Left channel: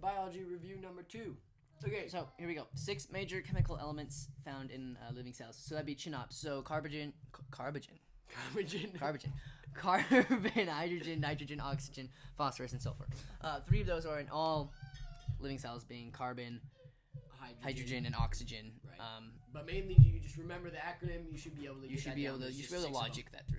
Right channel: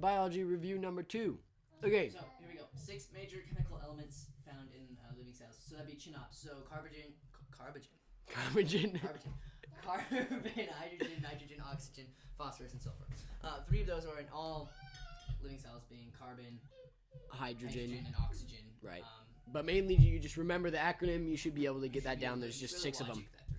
biology review number 2. Okay. So here we go. 6 major chemical elements found in living cells. So that'd be CHNOPS. So carbon, hydrogen, nitrogen, oxygen, phosphorus, and sulfur. 3 of those are in all living cells, being carbon, hydrogen, and oxygen. Right. But mainly, you just remember the acronym. You should be able to get that down. There's just 6 of them. That through.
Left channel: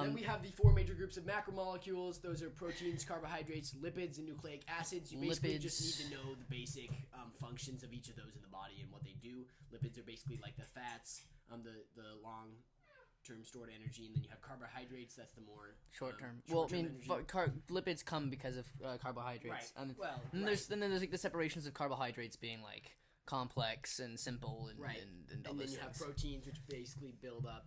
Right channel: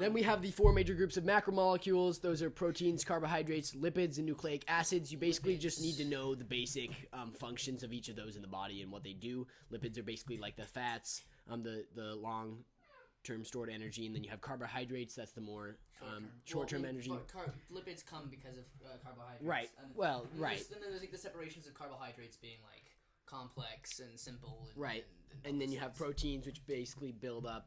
Then we have the 4 major groups of macromolecules. Those are proteins, carbohydrates, lipids, and nucleic acids. You basically just need to know the basic functions of each of those in the body and what they do. Lipids are basically like the fats, the long-term stored energy, and then you have carbohydrates. That's the more short-term energy. Lipids come because of carbohydrates. Right. Then there's like the separations of carbohydrates being like complex and simple. And then you have proteins, which basically build up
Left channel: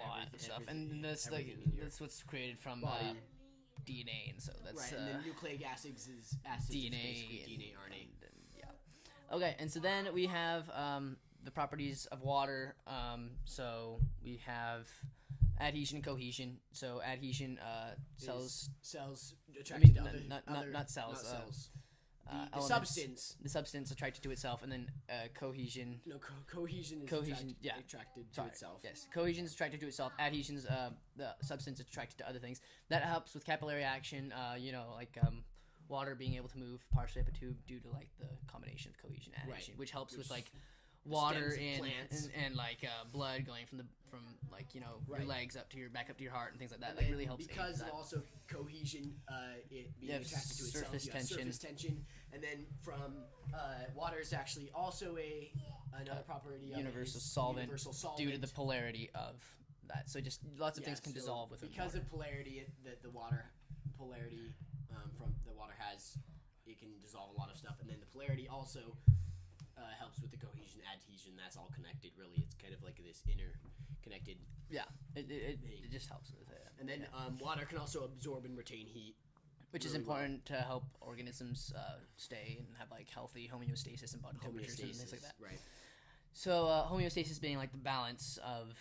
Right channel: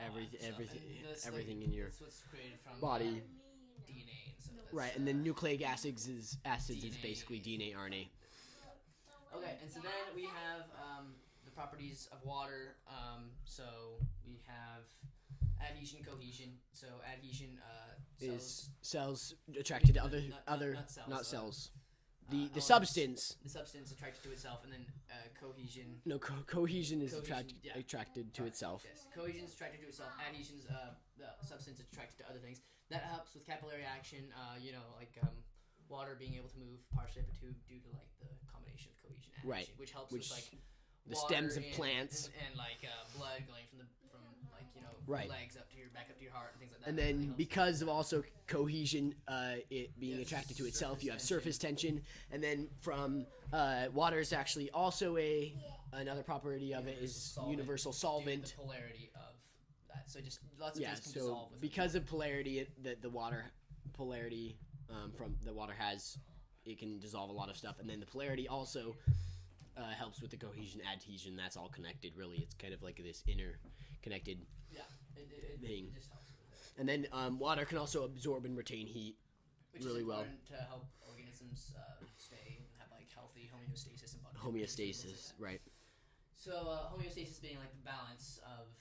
everything in your that's what's created from body. DNA, and so that's and then nucleic acids is basically DNA, RNA. Okay, and so then we have the properties of water. So we have adhesion and cohesion. So adhesion cells attracted to not cells. Not cells. The substance. The substance attracted to itself, and then cohesion. No, cohesion is attracted to itself. Yes, cohesion is attracted to itself. Adhesion's the substance attracted to other things. That helps with capillary action. Water being able to move partially up a tube due to like the combination of cohesion and adhesion, which helps with like water stems of plants and blood going from your legs back up to your heart and things like that. And that then really helps because of also cohesion, it being attracted to itself, you have surface tension. And then from water is actually also another property of it is universal solvent. Due to the polarity of that, so just lots of things can dissolve with because of polarity. The water polarity from the water has, it can dissolve a lot of stuff, and then the polarity also helps with the cohesion, adhesion. That's all connected. Really, it's kind of like this interconnected. Yeah, it just helps with it. And then water can also absorb and retain heat, which is important to help organisms stay and have like healthy homeostasis and body temperatures and things like that. Right. So homeostasis being like the balance of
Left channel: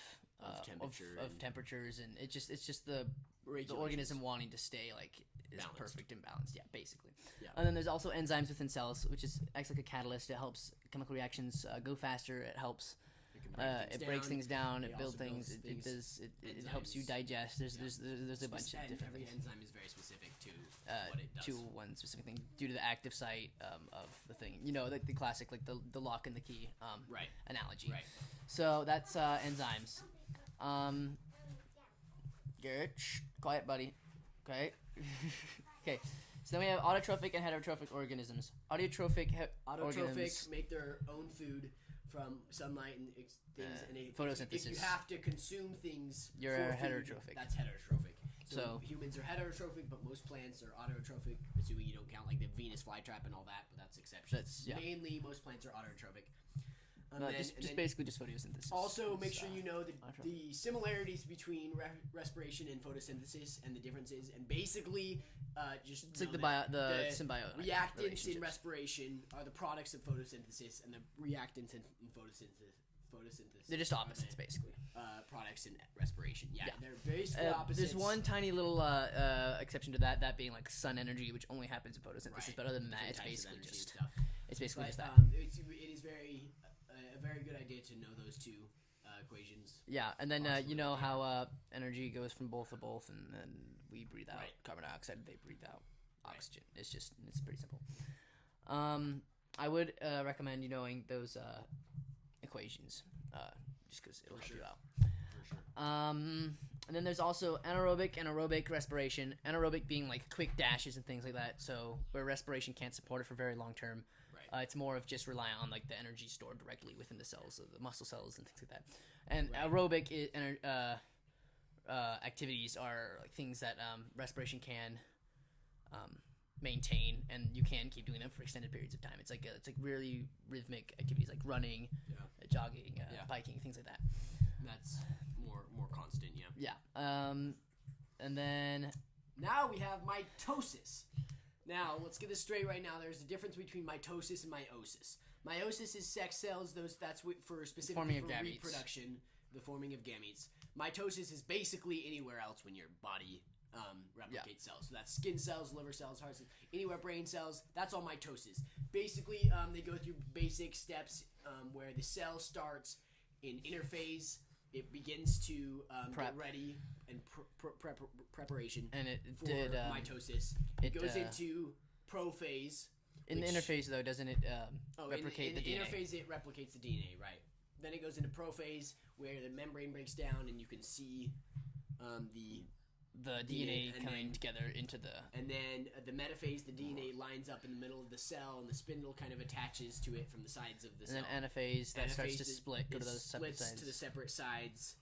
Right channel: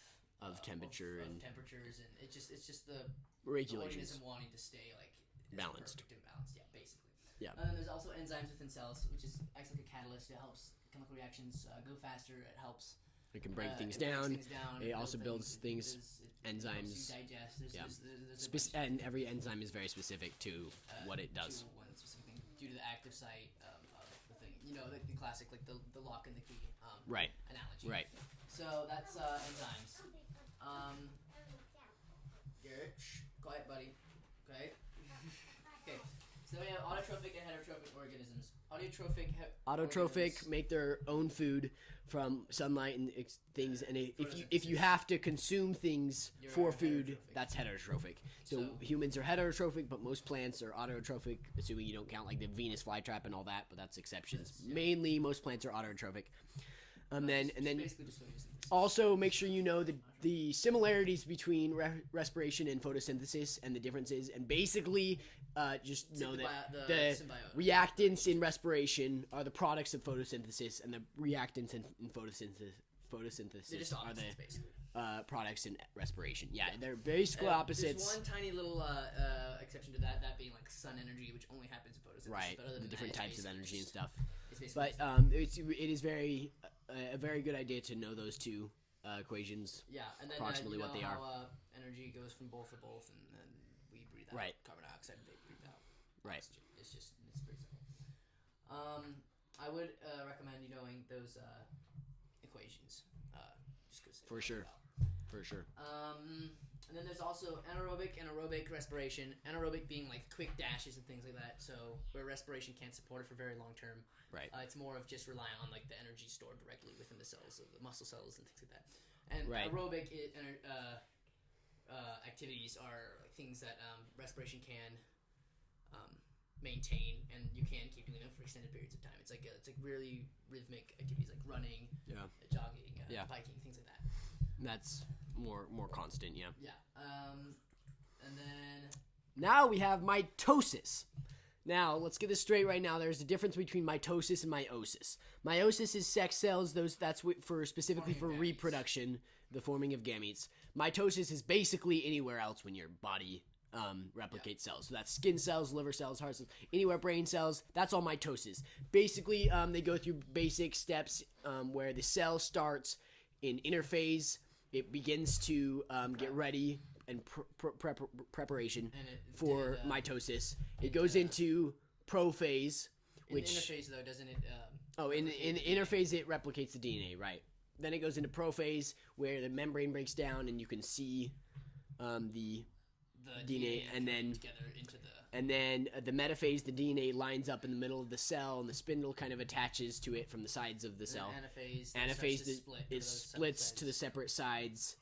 temperature of temperatures, and it's just the organism wanting to stay like balanced. Perfect and balanced. Yeah, basically. Yeah. And then there's also enzymes within cells, which acts like a catalyst. It helps chemical reactions go faster. It helps. It can break things down. Breaks things down. It builds also builds things. It helps you digest. There's a bunch and every enzyme is very specific to what it does. To one specific thing, due to the active site of the thing. You know, the classic like the lock and the key analogy. Right. So that's enzymes. Garrett, quiet, buddy. Okay. Okay. So then we have autotrophic and heterotrophic organisms. Autotrophic organisms make their own food from sunlight and things, and if you have to consume things for food, that's heterotrophic. So humans are heterotrophic, but most plants are autotrophic, assuming you don't count like the Venus flytrap and all that, but that's exceptions. Mainly, most plants are autotrophic. And then basically just photosynthesis. Also, make sure you know the similarities between respiration and photosynthesis and the differences, and basically just know that the reactants in respiration are the products of photosynthesis, and the reactants in photosynthesis. They're just opposites, basically. Products in respiration. Yeah, they're basically opposites. There's one tiny little exception to that being like sun energy, which only happens in photosynthesis. Right. But other than different that, types of energy and stuff. It's basically. But it is a very good idea to know those two equations. Yeah, and then you know how energy goes from both to both, and then we breathe out carbon dioxide, they breathe out oxygen. It's pretty simple. I would recommend you knowing those equations, just because for sure. And then there's also anaerobic and aerobic respiration. Anaerobic being like quick dashes and things like that. So where respiration can't support it for very long term. Right. It's more of just relying on like the energy stored directly within the cells, of the muscle cells and things like that. And aerobic activities are like things that respiration can maintain, and you can keep doing them for extended periods of time. It's like really rhythmic activities like running, jogging, biking, things like that. That's more constant, yeah. Yeah. And then now we have mitosis. Now, let's get this straight right now. There's a difference between mitosis and meiosis. Meiosis is sex cells. That's specifically for reproduction, the forming of gametes. Mitosis is basically anywhere else when your body replicate cells. So that's skin cells, liver cells, heart cells, anywhere brain cells. That's all mitosis. Basically, they go through basic steps where the cell starts in interphase. It begins to get ready and preparation for mitosis. It goes into prophase. In the interphase, though, doesn't it? In the interphase, it replicates the DNA, right? Then it goes into prophase, where the membrane breaks down, and you can see the DNA and then together into the. And then the metaphase, the DNA lines up in the middle of the cell, and the spindle kind of attaches to it from the sides of the cell. And anaphase, starts to split. It splits to the separate sides.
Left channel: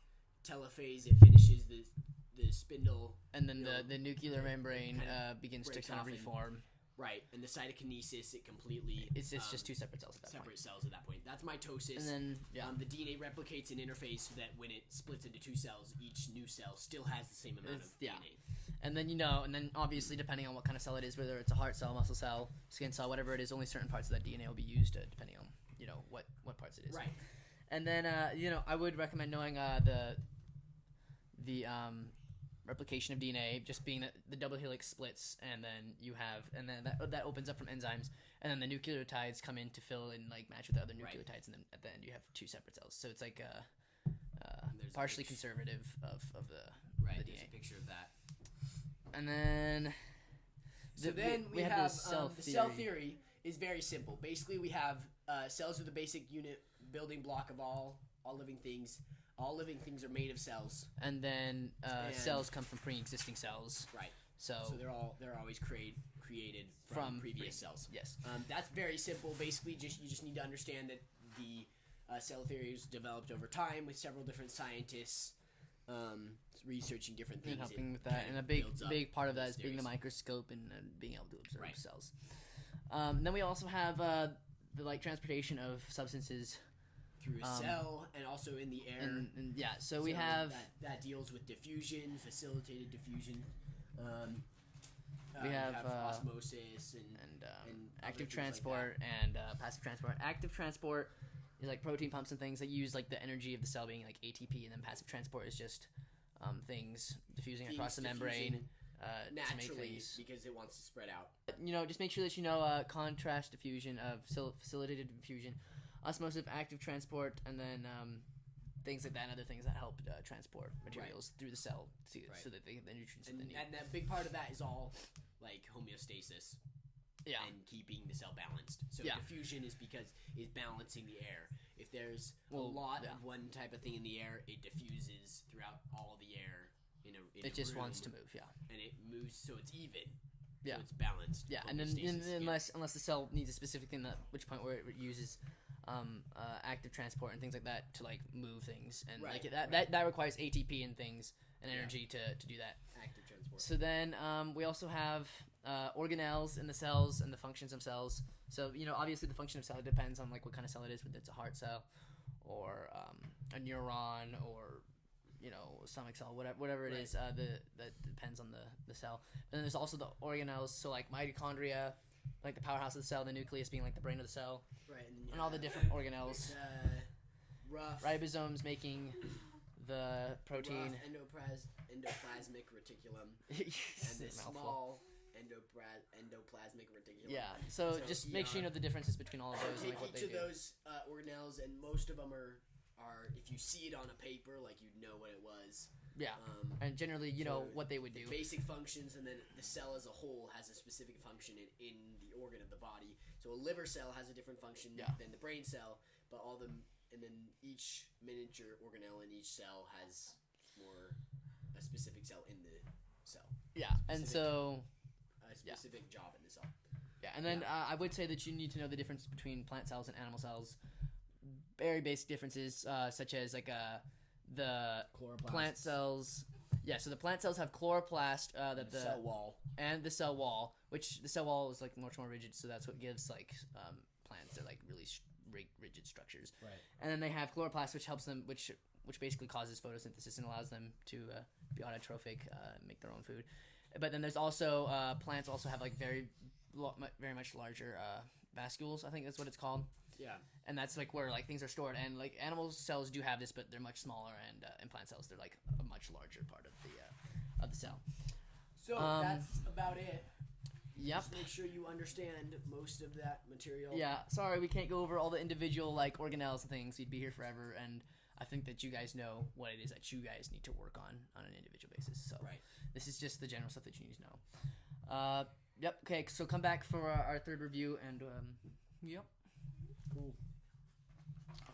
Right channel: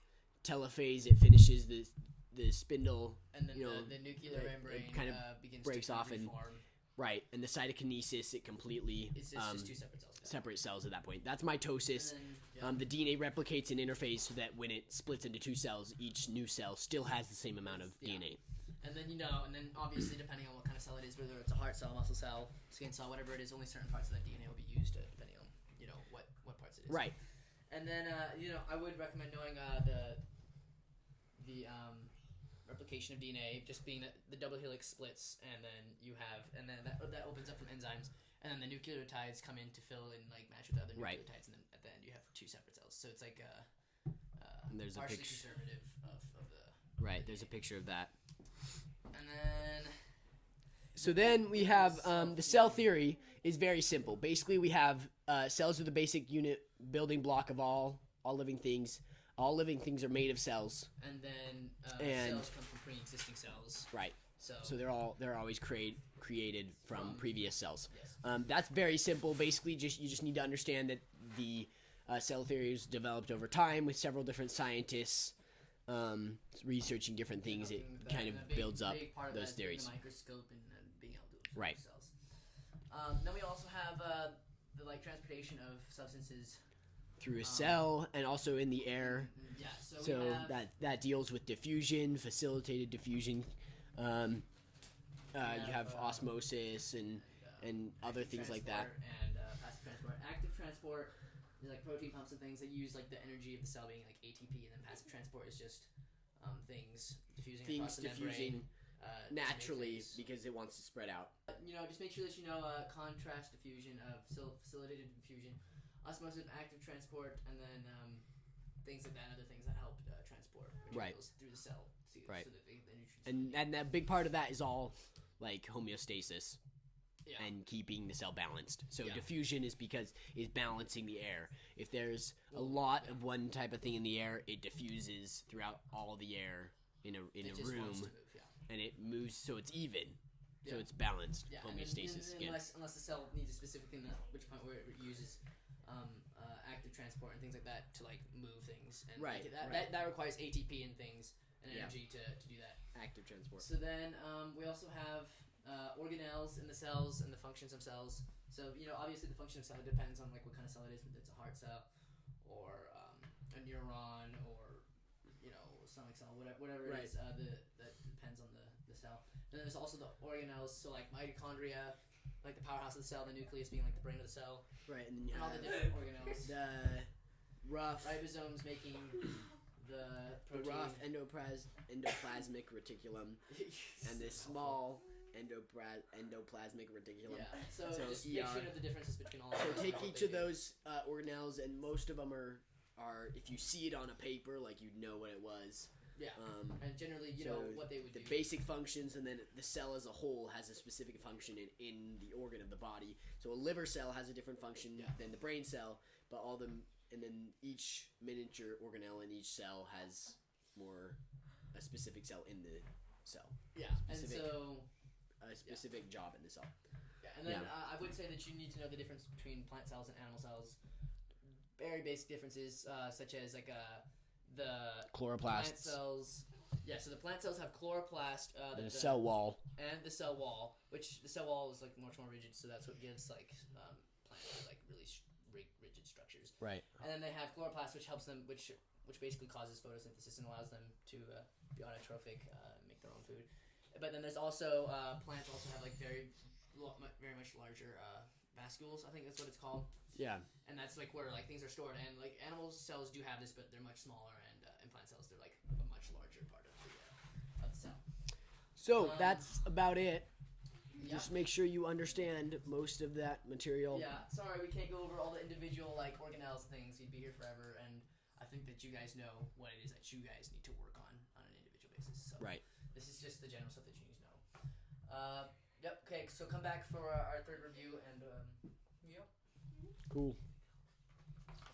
Telophase, it finishes the spindle, and then the nuclear membrane kind of begins to kind of reform. Right, and the cytokinesis, it completely... It's just two separate cells. Separate cells at that point. That's mitosis. And then, the DNA replicates in interphase so that when it splits into two cells, each new cell still has the same amount of DNA. And then obviously depending on what kind of cell it is, whether it's a heart cell, muscle cell, skin cell, whatever it is, only certain parts of that DNA will be used depending on what parts it is. Right. And then I would recommend knowing the replication of DNA, just being that the double helix splits, and then that opens up from enzymes, and then the nucleotides come in to fill in, like, match with the other nucleotides, and then at the end you have two separate cells. So it's like partially conservative of the right. The there's DNA. A picture of that, and then we have the cell theory is very simple. Basically, we have cells are the basic unit building block of all living things. All living things are made of cells, and then cells come from pre-existing cells. Right. So they're always created from previous cells. Yes. That's very simple. Basically, you just need to understand that the cell theory is developed over time with several different scientists researching different things. It kind of builds up. A big part of that is theories. being a microscope and being able to observe cells. Then we also have the transportation of substances through a cell and also in the air. So we have that deals with diffusion, facilitated diffusion. You have osmosis and other active things like transport that. and passive transport. Active transport is like protein pumps and things that use like the energy of the cell being like ATP, and then passive transport is just things diffusing across the membrane naturally because it wants to spread out. Just make sure that you know contrast diffusion of facilitated diffusion, osmosis, active transport, and then things like that, and other things that help transport materials through the cell so that the nutrients. And that big part of that is all like homeostasis. Yeah. And keeping the cell balanced. So diffusion is balancing the air. If there's a lot of one type of thing in the air, it diffuses throughout all the air in a room. It just wants to move, and it moves so it's even. So it's balanced. Yeah, and then unless the cell needs a specific thing, at which point where it uses active transport and things like that to like move things, and that requires ATP and things and energy to do that. Active transport. So then we also have organelles in the cells and the functions of cells. So obviously the function of cell depends on like what kind of cell it is, whether it's a heart cell or a neuron or stomach cell, whatever it is. That depends on the cell. And then there's also the organelles, so like mitochondria, like the powerhouse of the cell, the nucleus being like the brain of the cell, right? And all the different organelles. Rough ribosomes making the protein. The rough endoplasmic reticulum and the small endoplasmic reticulum. Yeah. So just make sure you know the differences between all of those. So take each of those organelles, and most of them are if you see it on a paper, like you'd know what it was. Yeah. And generally, you know what they would do. Basic functions, and then the cell as a whole has a specific function in the organ of the body. So a liver cell has a different function than the brain cell, but and then each miniature organelle in each cell has a specific cell in the cell. Yeah. And so a specific job in the cell. Yeah. And then I would say that you need to know the difference between plant cells and animal cells. Very basic differences, such as like the chloroplast plant cells. Yeah, so the plant cells have chloroplast, the cell wall, and the cell wall, which the cell wall is like much more rigid, so that's what gives like plants their like really rigid structures. Right. And then they have chloroplast, which helps them, which basically causes photosynthesis and allows them to be autotrophic, make their own food. But then there's also plants also have like very much larger vascules. I think that's what it's called. Yeah, and that's like where like things are stored, and like animal cells do have this, but they're much smaller, and plant cells they're like a much larger part of the cell. So that's about it. Yep. Just make sure you understand most of that material. Yeah, sorry we can't go over all the individual like organelles and things. We'd be here forever, and I think that you guys know what it is that you guys need to work on an individual basis. So this is just the general stuff that you need to know. Yep. Okay. So come back for our third review, and yep. Cool.